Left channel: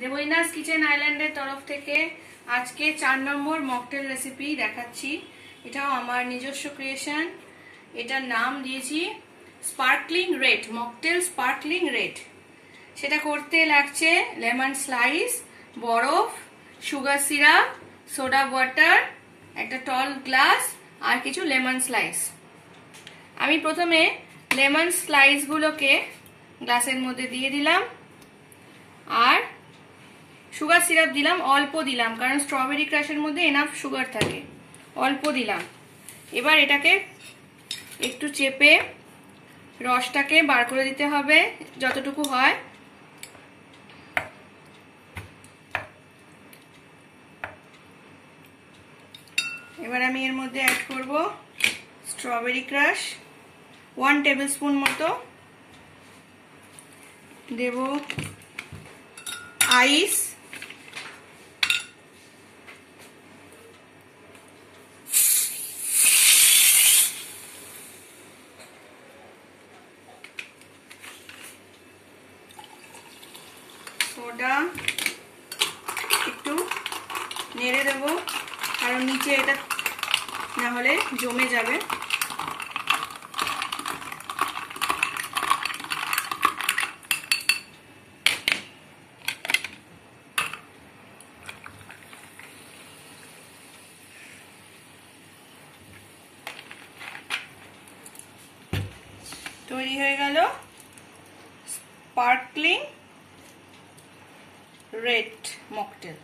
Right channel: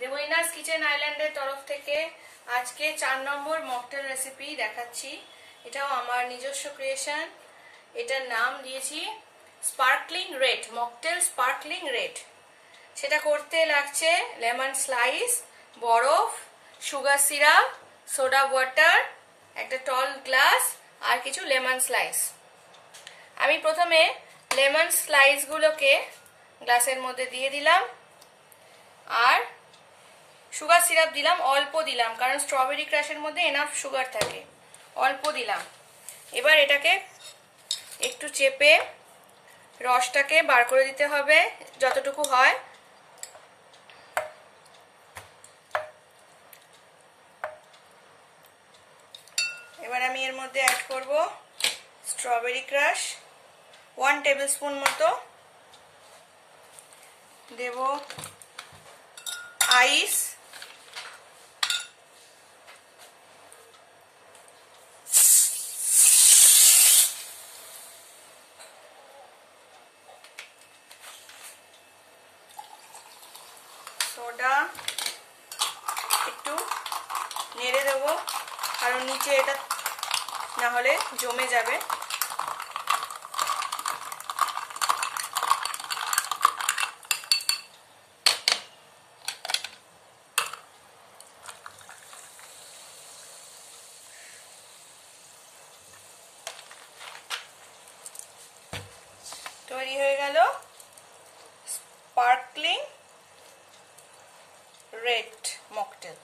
দেবইনাস kitchen আইল্যান্ডের তরফ থেকে আজকে 4 নম্বর মকটেল রেসিপি দেখাচ্ছি। এটাও আমার নিজস্ব ক্রিয়েশন। এটার নাম দিয়েছি sparkling red, mocktail sparkling red. সেটা করতে লাগছে লেমন স্লাইস, বরফ, সুগার সিরাপ, সোডা ওয়াটার, একটা টল গ্লাস আর কিছু লেমন স্লাইস। আমি প্রথমে লেমন স্লাইস গুলোকে গ্লাসের মধ্যে দিয়ে দিলাম আর সুগার সিরাপ দিলাম, অল্প দিলাম কারণ স্ট্রবেরি ক্রাশের মধ্যে এনাফ সুগার থাকে, অল্প দিলাম। এবার এটাকে একটু চেপে রসটাকে বার করে দিতে হবে যতটুকু হয়। এবার আমি এর মধ্যে অ্যাড করব স্ট্রবেরি ক্রাশ 1 টেবিল স্পুন মতো, দেব আইস, সোডা, একটু নেড়ে দেবো কারণ নিচে এটা না হলে জমে যাবে। তৈরি হয়ে গেল স্পার্কলিং রেড মকটেল।